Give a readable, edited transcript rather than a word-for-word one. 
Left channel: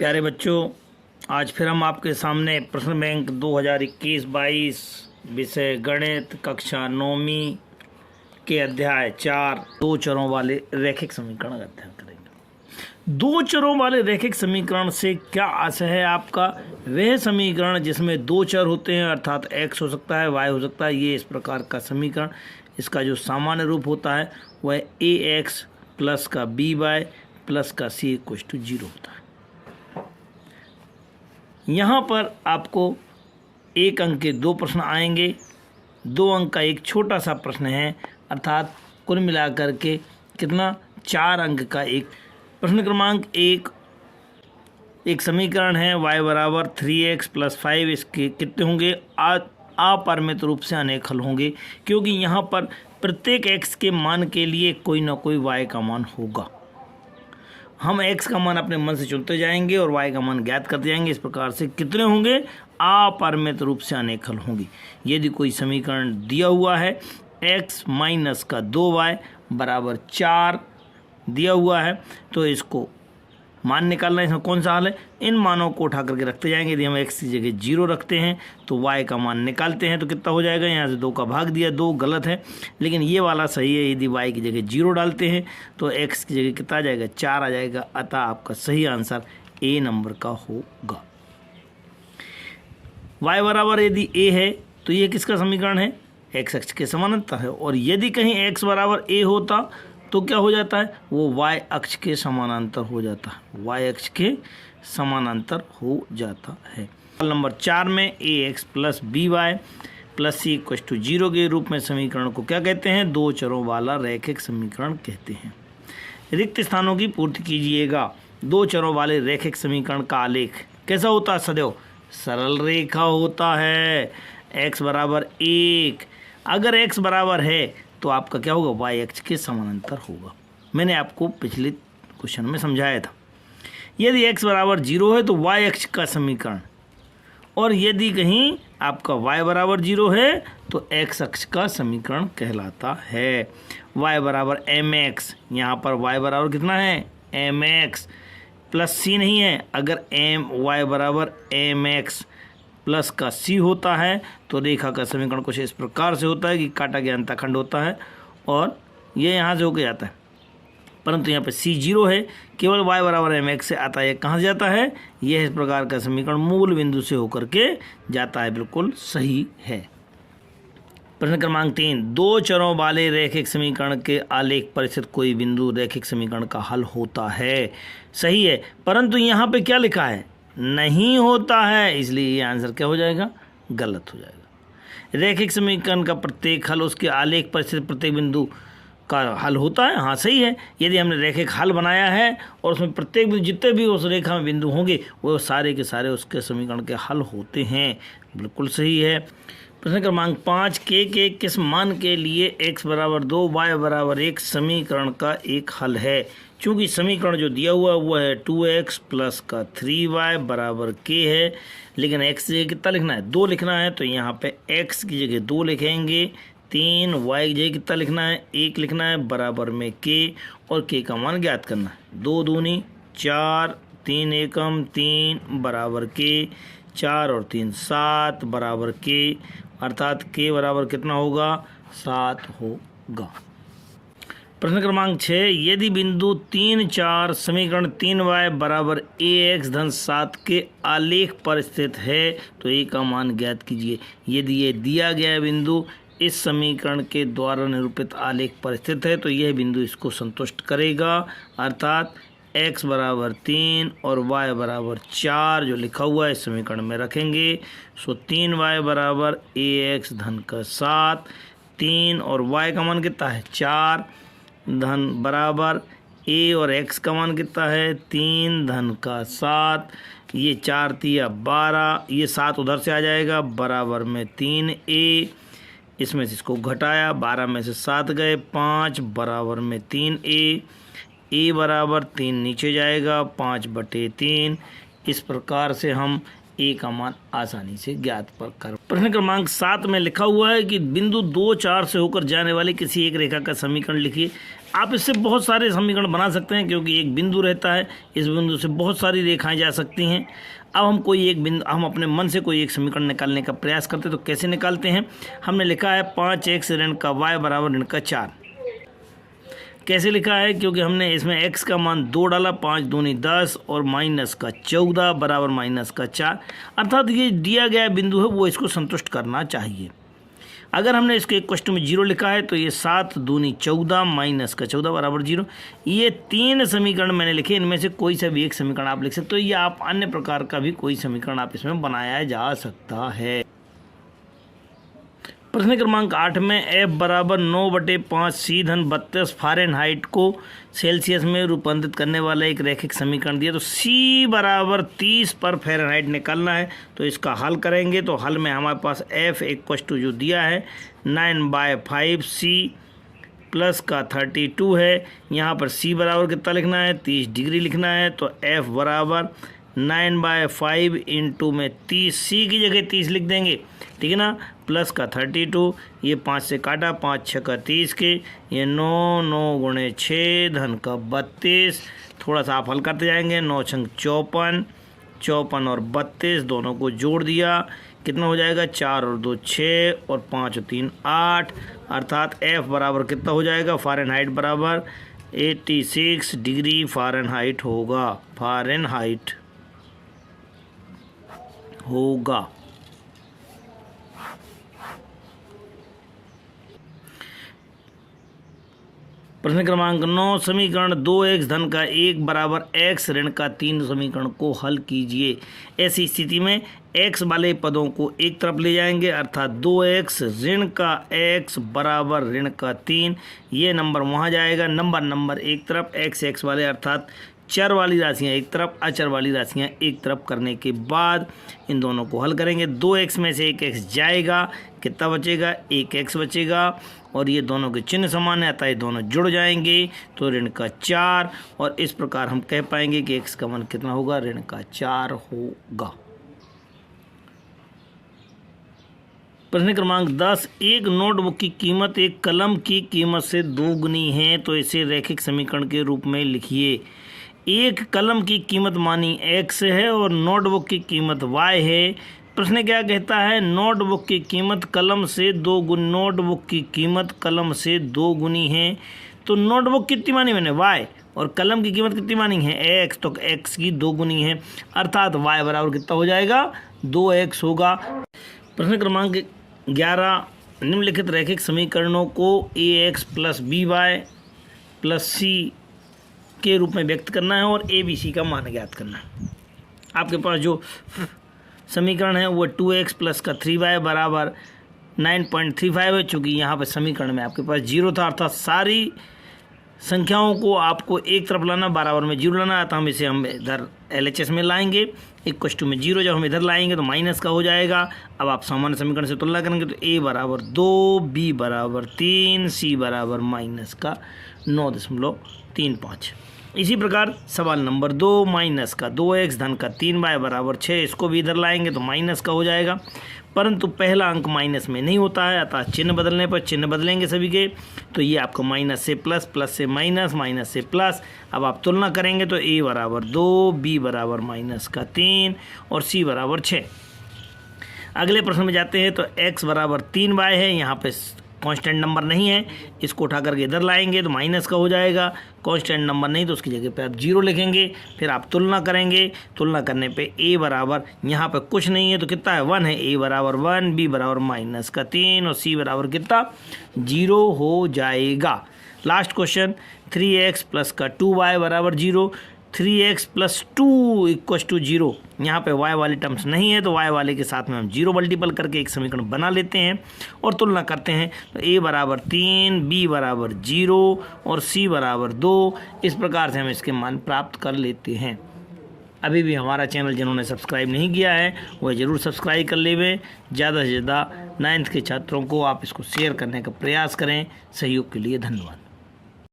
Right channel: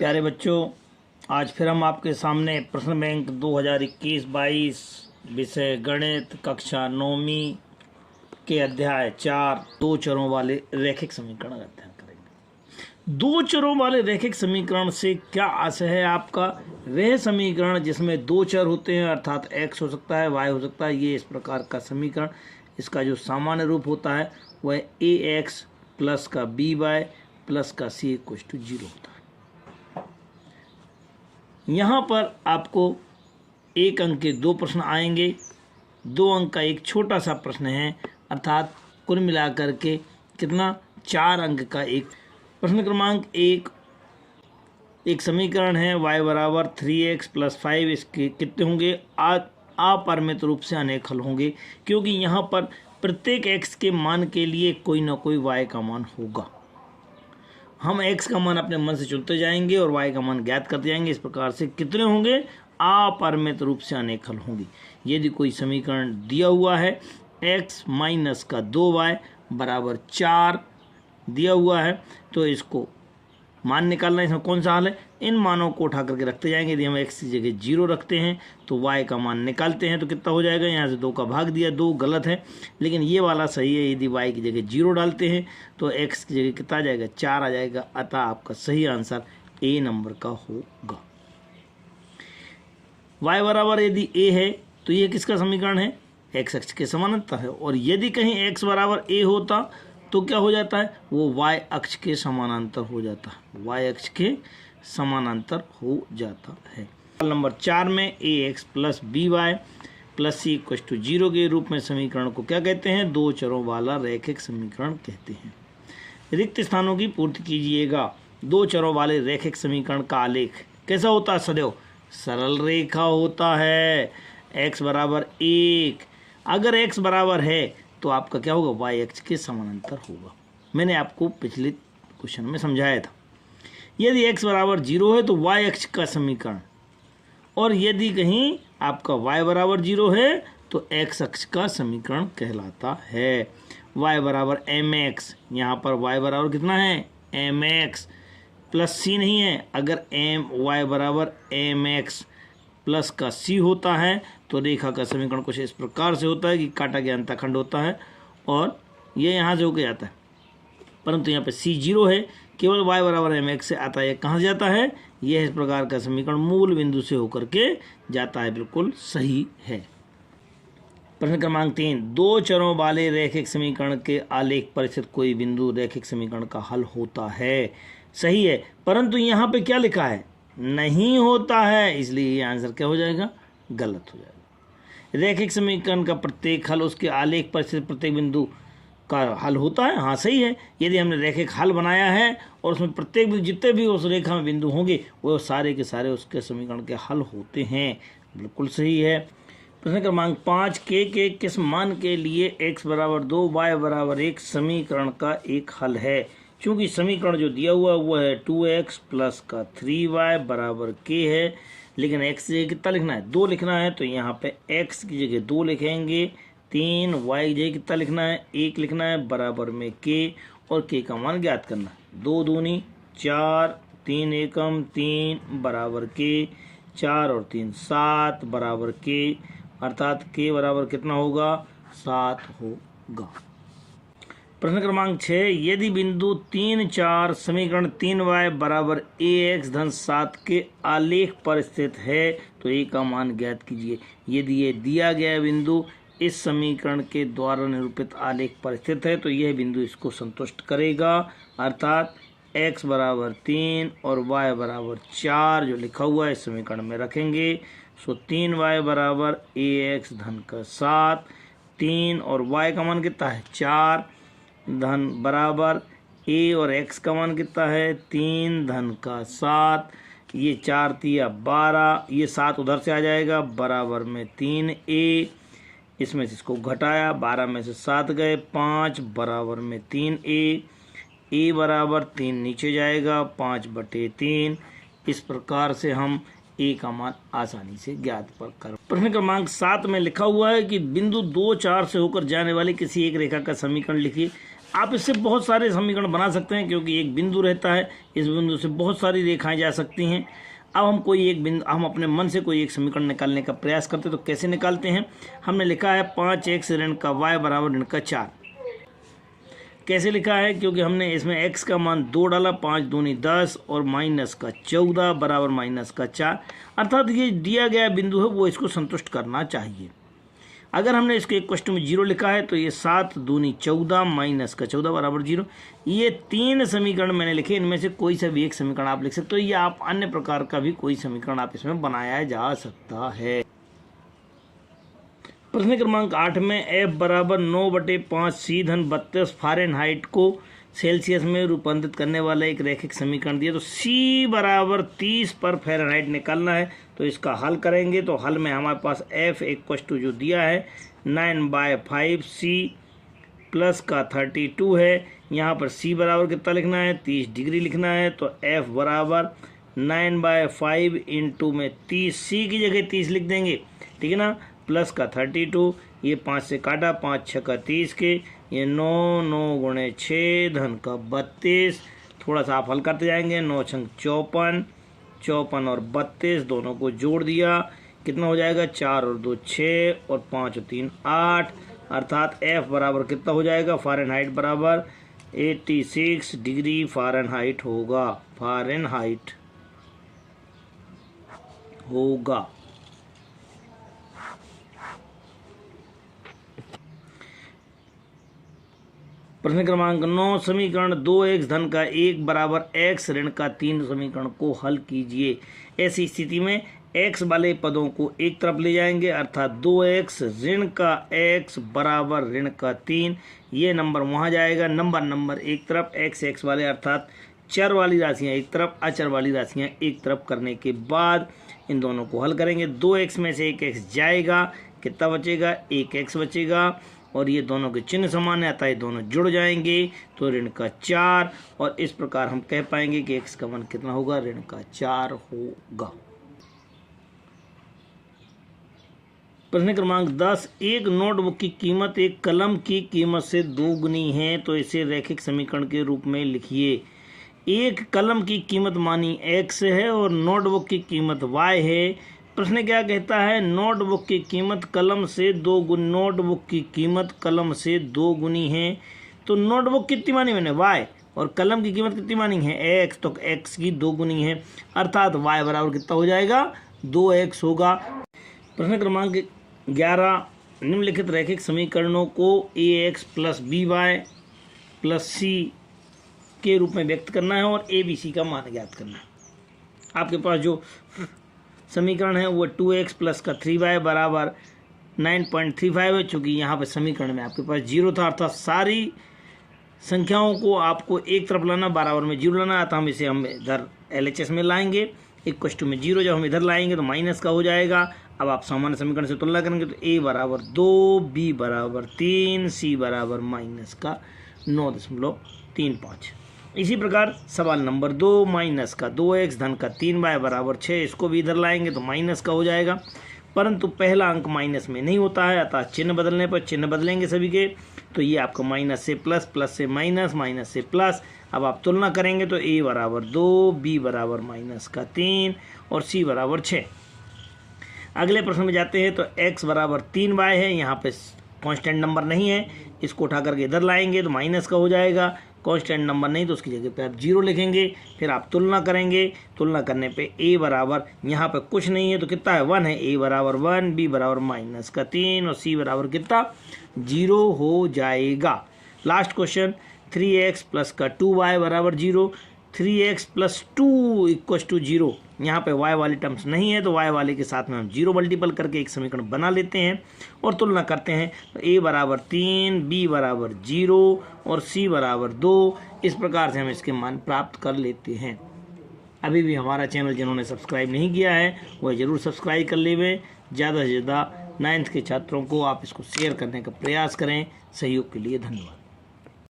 प्यारे बच्चों, आज फिर हम आपके सामने प्रश्न बैंक 2021-22 विषय गणित कक्षा 9वीं के अध्याय 4 दो चरों वाले रैखिक समीकरण का अध्ययन करेंगे। दो चरों वाले रैखिक समीकरण से क्या आशय है आपका? वह समीकरण जिसमें दो चर होते हैं, अर्थात x हो सकता है, y हो सकता है। ये इस प्रकार का समीकरण, इसका जो सामान्य रूप होता है वह ax प्लस का by प्लस का c = 0 होता है। यहाँ पर आपको एक अंक के दो प्रश्न आएंगे, 2 अंक का एक छोटा सा प्रश्न है, अर्थात कुल मिलाकर के कितना 4 अंक का एक प्रश्न। क्रमांक 1 एक समीकरण है y बराबर 3x + 5। इसके कितने होंगे? अपरिमित रूप से अनेक हल होंगे, क्योंकि यहाँ पर प्रत्येक x के मान के लिए कोई ना कोई y का मान होगा। हम x का मान अपने मन से चुनते जाएंगे और y का मान ज्ञात करते जाएंगे। इस प्रकार से कितने होंगे? अपरिमित रूप से अनेक हल होंगे। यदि कोई समीकरण दिया हुआ है x - का 2y बराबर 4 दिया हुआ है, तो इसको मान निकालना है। इसमें कौन सा हल है? इन मानों को उठा करके रखते जाएंगे। यदि हम x की जगह 0 रखते हैं तो y का मान निकालते हैं तो कितना हो जाएगा? यहाँ से 2 का भाग दिया, 2 गलत है, लेकिन ये वाला सही है। यदि y की जगह 0 डालते हैं तो x की जगह कितना आ जाएगा? 4 आ जाएगा। अतः आपका सही आंसर A नंबर का होगा। y बराबर यदि a है तो ये किसका समीकरण है? x अक्ष के समानांतर है। और यदि कहीं x बराबर a होता तो क्या हो जाता है? वो y अक्ष के समानांतर हो जाता है, y अक्ष के समानांतर हो जाता है। सवाल नंबर 4 में ax plus by plus c = 0 के रूप में समीकरण को क्या कहते हैं? दो चरों वाला रैखिक समीकरण कहते हैं। रिक्त स्थानों की पूर्ति कीजिएगा। दो चरों वाले रैखिक समीकरण का आलेख कैसा होता है? सदैव सरल रेखा होता है। x बराबर 1, अगर x बराबर है तो आपका क्या होगा? y अक्ष के समानांतर होगा। मैंने आपको पिछले क्वेश्चन में समझाया था। यदि x बराबर 0 है तो y अक्ष का समीकरण, और यदि कहीं आपका y बराबर 0 है तो x अक्ष का समीकरण कहलाता है। y बराबर mx, यहाँ पर y बराबर कितना है? mx प्लस c नहीं है। अगर y बराबर mx प्लस का c होता है तो रेखा का समीकरण कुछ इस प्रकार से होता है कि काटा गया अंतःखंड होता है और ये यहाँ से होकर जाता है, परंतु यहाँ पे c 0 है, केवल y बराबर mx से आता है। ये कहाँ से जाता है? यह इस प्रकार का समीकरण मूल बिंदु से होकर के जाता है। बिल्कुल सही है। प्रश्न क्रमांक 3 दो चरों वाले रैखिक समीकरण के आलेख पर स्थित कोई बिंदु रैखिक समीकरण का हल होता है। सही है, परंतु यहाँ पे क्या लिखा है? नहीं होता है, इसलिए ये आंसर क्या हो जाएगा? गलत हो जाएगा। रैखिक समीकरण का प्रत्येक हल उसके आलेख पर स्थित प्रत्येक बिंदु का हल होता है। हाँ सही है। यदि हमने रैखिक हल बनाया है और उसमें प्रत्येक जितने भी उस रेखा में बिंदु होंगे वो सारे के सारे उसके समीकरण के हल होते हैं। बिल्कुल सही है। प्रश्न क्रमांक 5 के किस मान के लिए x बराबर 2 y बराबर 1 समीकरण का एक हल है? चूँकि समीकरण जो दिया हुआ वो है 2x प्लस का 3y बराबर k है, लेकिन x की जगह कितना लिखना है? 2 लिखना है, तो यहाँ पे x की जगह 2 लिखेंगे। 3 y की जगह कितना लिखना है? 1 लिखना है, बराबर में k, और k का मान ज्ञात करना है। 2 दूनी 4, 3 एकम 3 बराबर k, 4 और 3 7 बराबर k, अर्थात k बराबर कितना होगा? 7 होगा। प्रश्न क्रमांक 6 यदि बिंदु 3 4 समीकरण 3y बराबर ax धन 7 के आलेख पर स्थित है तो a का मान ज्ञात कीजिए। यदि ये दिया गया बिंदु इस समीकरण के द्वारा निरूपित आलेख पर स्थित है तो यह बिंदु इसको संतुष्ट करेगा, अर्थात x बराबर 3 और y बराबर 4 जो लिखा हुआ है इस समीकरण में रखेंगे। सो 3y बराबर ax धन का 7, 3 और y का मान कितना है? 4 धन बराबर a और x का मान कितना है? 3 धन का 7, ये 4 तिया 12, ये 7 उधर से आ जाएगा, बराबर में 3a, इसमें से इसको घटाया, 12 में से 7 गए, 5 बराबर में 3a, a बराबर 3 नीचे जाएगा, 5/3। इस प्रकार से हम a का मान आसानी से ज्ञात कर। प्रश्न क्रमांक 7 में लिखा हुआ है कि बिंदु 2 4 से होकर जाने वाली किसी एक रेखा का समीकरण लिखिए। आप इससे बहुत सारे समीकरण बना सकते हैं, क्योंकि एक बिंदु रहता है, इस बिंदु से बहुत सारी रेखाएं जा सकती हैं। अब हम अपने मन से कोई एक समीकरण निकालने का प्रयास करते हैं, तो कैसे निकालते हैं? हमने लिखा है 5x ऋण का y बराबर ऋण का 4। कैसे लिखा है? क्योंकि हमने इसमें x का मान 2 डाला, 5 दूनी 10 और माइनस का 14 बराबर माइनस का 4, अर्थात ये दिया गया बिंदु है वो इसको संतुष्ट करना चाहिए। अगर हमने इसको एक क्वेश्चन में 0 लिखा है तो ये 7 दूनी 14 माइनस का 14 बराबर 0। ये 3 समीकरण मैंने लिखे, इनमें से कोई सा भी एक समीकरण आप लिख सकते हो, या आप अन्य प्रकार का भी कोई समीकरण आप इसमें बनाया जा सकता है। प्रश्न क्रमांक 8 में f बराबर 9/5 C धन 32 फ़ारेनहाइट को सेल्सियस में रूपांतरित करने वाला एक रैखिक समीकरण दिया। तो C बराबर 30 पर फ़ारेनहाइट निकालना है, तो इसका हल करेंगे। तो हल में हमारे पास f = जो दिया है 9/5 C प्लस का 32 है। यहाँ पर C बराबर कितना लिखना है? 30 डिग्री लिखना है। तो f बराबर 9/5 इंटू में 30, C की जगह 30 लिख देंगे, ठीक है ना, प्लस का 32, ये 5 से काटा, 5 6 का 30 के, ये 9 9 गुणे 6 धन का 32। थोड़ा सा आप हल करते जाएंगे, 9 छंग 54, 54 और 32 दोनों को जोड़ दिया, कितना हो जाएगा? 4 और 2 6 और 5 और 3 8, अर्थात f बराबर कितना हो जाएगा? फ़ारेनहाइट बराबर 86 डिग्री फ़ारेनहाइट होगा, फ़ारेनहाइट होगा। प्रश्न क्रमांक 9 समीकरण 2x धन का 1 बराबर x ऋण का 3 समीकरण को हल कीजिए। ऐसी स्थिति में x वाले पदों को एक तरफ ले जाएंगे, अर्थात 2x ऋण का x बराबर ऋण का 3, ये नंबर वहाँ जाएगा, नंबर एक तरफ, x वाले अर्थात चर वाली राशियाँ एक तरफ, अचर वाली राशियाँ एक तरफ करने के बाद इन दोनों को हल करेंगे। 2x में से 1x जाएगा, कितना बचेगा? 1x बचेगा, और ये दोनों के चिन्ह समान है, अतः ये दोनों जुड़ जाएंगे, तो ऋण का 4, और इस प्रकार हम कह पाएंगे कि x का मान कितना होगा? ऋण का 4 होगा। प्रश्न क्रमांक 10 एक नोटबुक की कीमत एक कलम की कीमत से 2 गुनी है, तो इसे रैखिक समीकरण के रूप में लिखिए। एक कलम की कीमत मानी x है और नोटबुक की कीमत y है। प्रश्न क्या कहता है? नोटबुक की कीमत कलम से 2 गुनी, नोटबुक की कीमत कलम से 2 गुनी है, तो नोटबुक कितनी मानी मैंने? y, और कलम की कीमत कितनी मानी है? x, तो x की 2 गुनी है, अर्थात y बराबर कितना हो जाएगा? 2x होगा। प्रश्न क्रमांक 11 निम्नलिखित रैखिक समीकरणों को ax plus by plus c के रूप में व्यक्त करना है और a b c का मान ज्ञात करना है। आपके पास जो समीकरण है वो 2x प्लस का 3y बराबर 9.35 है, चूँकि यहाँ पर समीकरण में आपके पास 0 था, अर्थात सारी संख्याओं को आपको एक तरफ लाना, बराबर में 0 लाना, तो हम इधर LHS में लाएंगे। = में 0 जब हम इधर लाएंगे तो माइनस का हो जाएगा। अब आप सामान्य समीकरण से तुलना करेंगे तो a बराबर 2, b बराबर 3, c बराबर माइनस का 9.35। इसी प्रकार सवाल नंबर 2 माइनस का 2x धन का 3y बराबर 6, इसको भी इधर लाएंगे तो माइनस का हो जाएगा, परंतु पहला अंक माइनस में नहीं होता है, अतः चिन्ह बदलने पर चिन्ह बदलेंगे सभी के, तो ये आपको माइनस से प्लस, प्लस से माइनस, माइनस से प्लस। अब आप तुलना करेंगे तो a बराबर 2, b बराबर माइनस का 3 और c बराबर 6। अगले प्रश्न में जाते हैं तो x बराबर 3y है, यहाँ पे कांस्टेंट नंबर नहीं है, इसको उठा करके इधर लाएंगे तो माइनस का हो जाएगा, कांस्टेंट नंबर नहीं तो उसकी जगह पे आप 0 लिखेंगे। फिर आप तुलना करेंगे, तुलना करने पे a बराबर यहाँ पे कुछ नहीं है तो कितना है? 1 है, a बराबर 1, b बराबर माइनस का 3 और c बराबर कितना? 0 हो जाएगा। लास्ट क्वेश्चन 3x प्लस का 2y बराबर 0, 3x प्लस 2 = 0। यहाँ पे y वाली टर्म्स नहीं है तो y वाले के साथ में हम 0 मल्टीपल करके एक समीकरण बना लेते हैं और तुलना करते हैं, तो a बराबर 3, b बराबर 0 और c बराबर 2। इस प्रकार से हम इसके मान प्राप्त कर लेते हैं। अभी भी हमारा चैनल जिन्होंने सब्सक्राइब नहीं किया है वह ज़रूर सब्सक्राइब कर लेवें। ज़्यादा से ज़्यादा 9th के छात्रों को आप इसको शेयर करने का प्रयास करें। सहयोग के लिए धन्यवाद।